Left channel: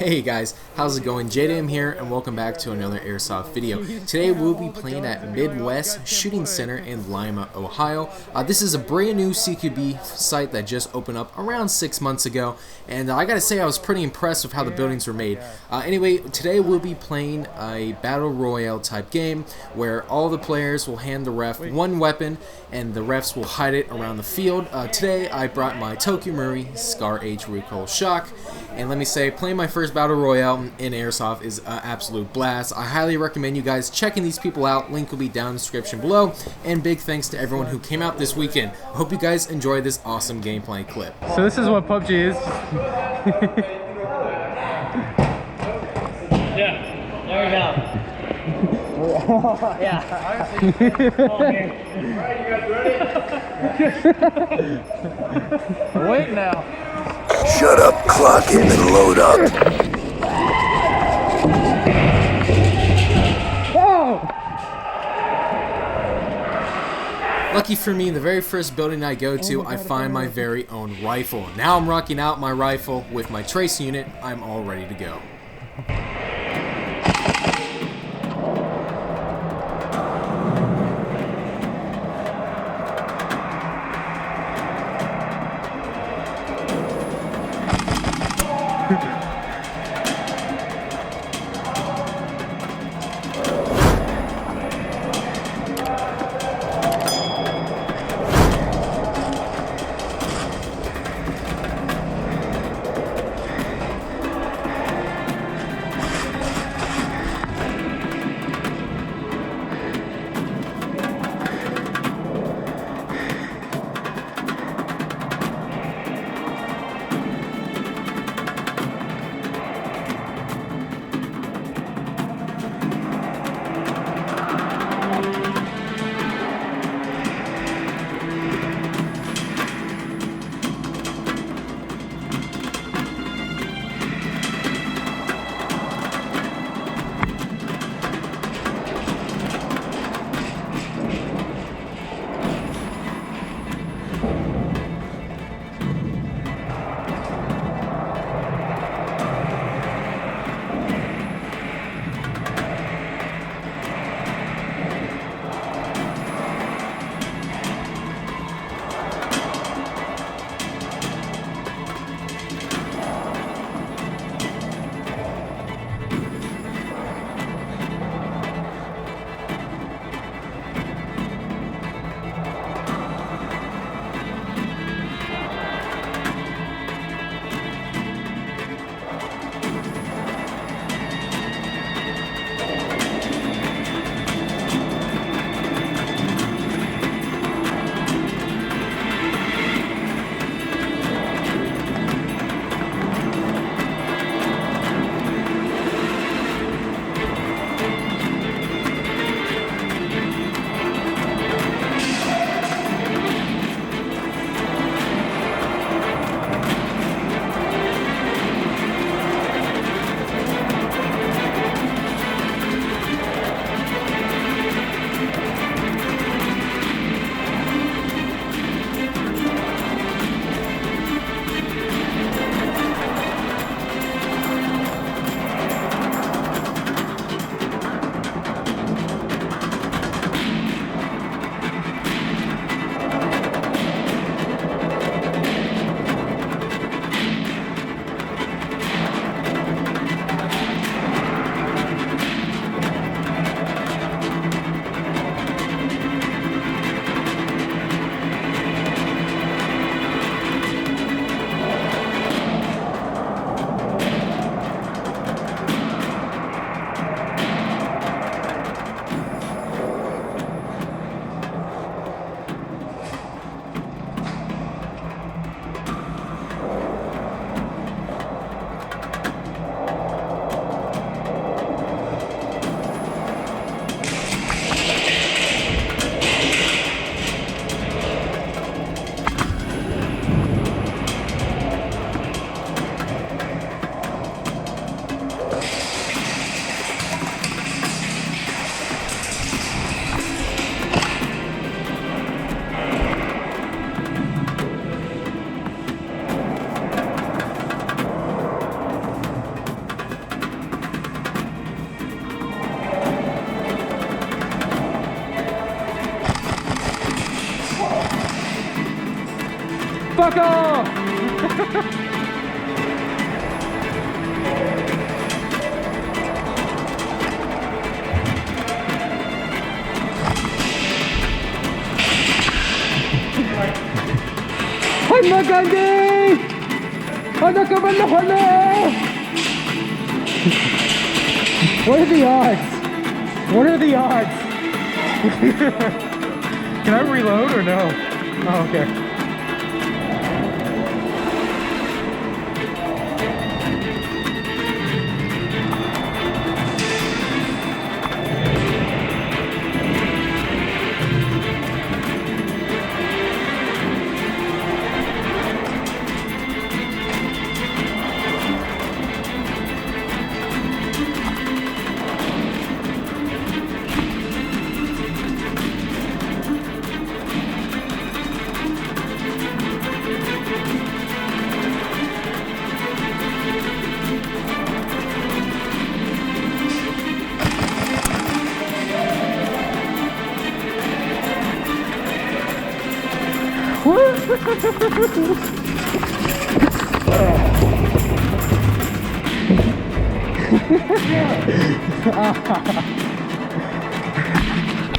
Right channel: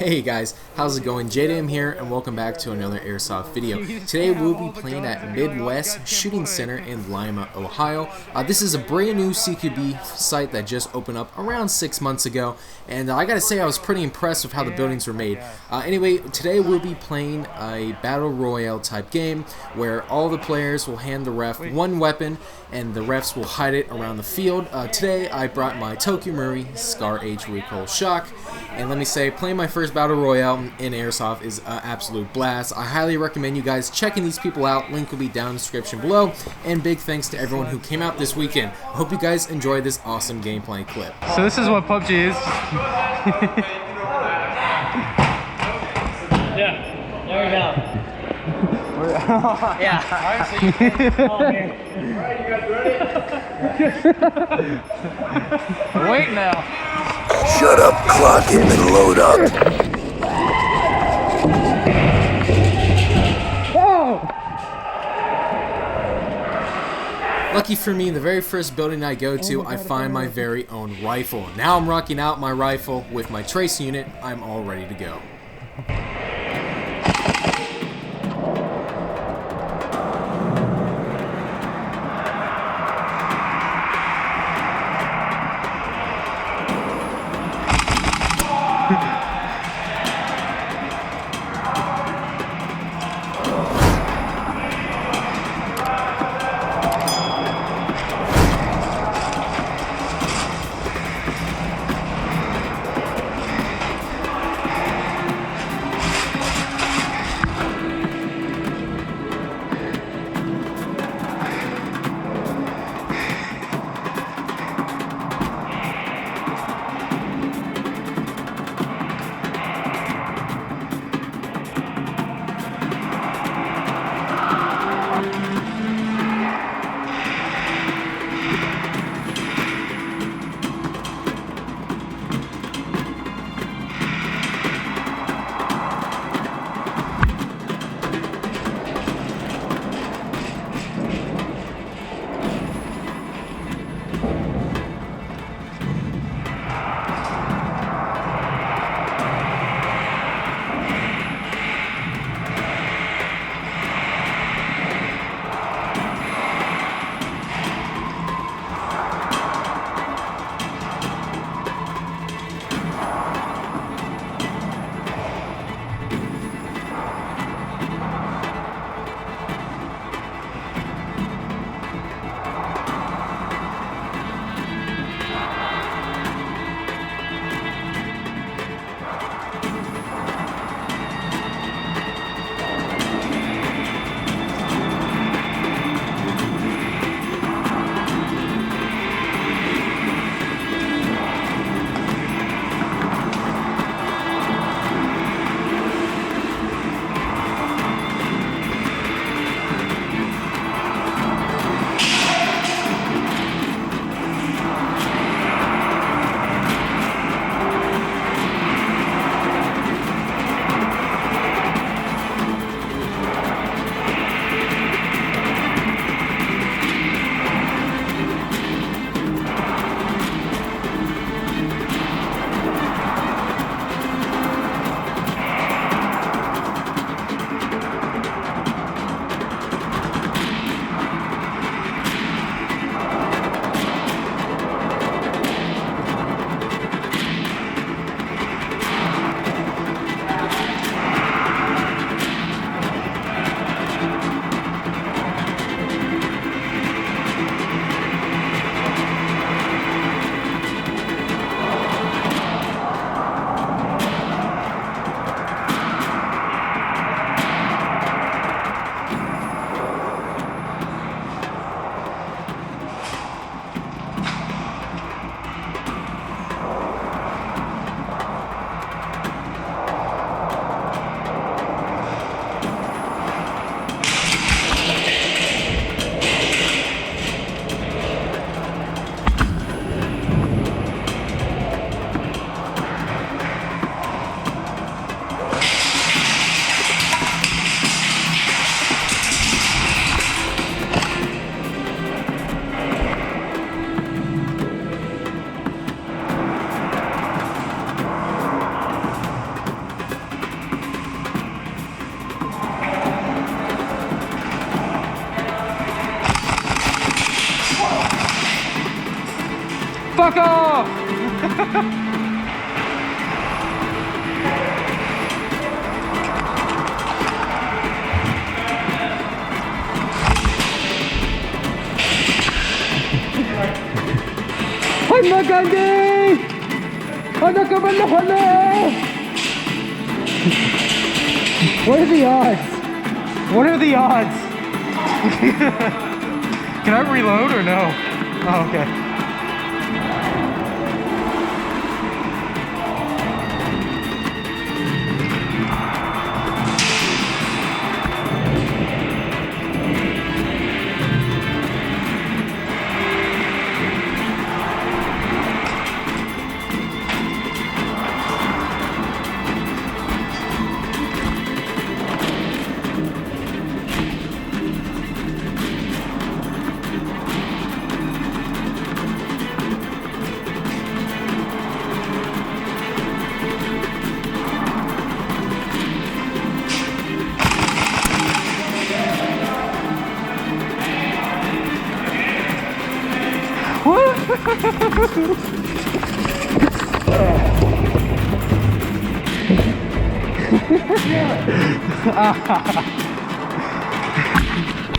Hey guys, how's it going? Jdam here and welcome back to another Airsoft video. Today we'll be playing at Midwest Shooting Center in Lima, Ohio. This is a brand new CQB site that just opened up around 6 months ago, and I gotta say I was pretty impressed with how the buildings were made. Anyway, today we'll be playing a Battle Royale type game where all the players will hand the ref one weapon and the refs will hide it around the field. Today I brought my Tokyo Murray Scar H Recoil Shock, and let me say, playing my first Battle Royale in Airsoft is an absolute blast. I highly recommend you guys checking these people out. Link will be down in the description below. And big thanks to everyone who came out this weekend. I hope you guys enjoy this awesome gameplay clip. So this is what PUBG is. Yeah, there we go. Yeah. Alright, you guys ready? Wait now. Shut up, clock him and load up. Oh! Lucky for me, the very first building I go to, I find my very own rifle. Now I'm rocking out my rifle with my trace unit. I'm all ready to go. fuck off! Ay, maganda! Ano ka ba nahala? What are the odds? What are the odds? Can I reload or no? Oh, okay.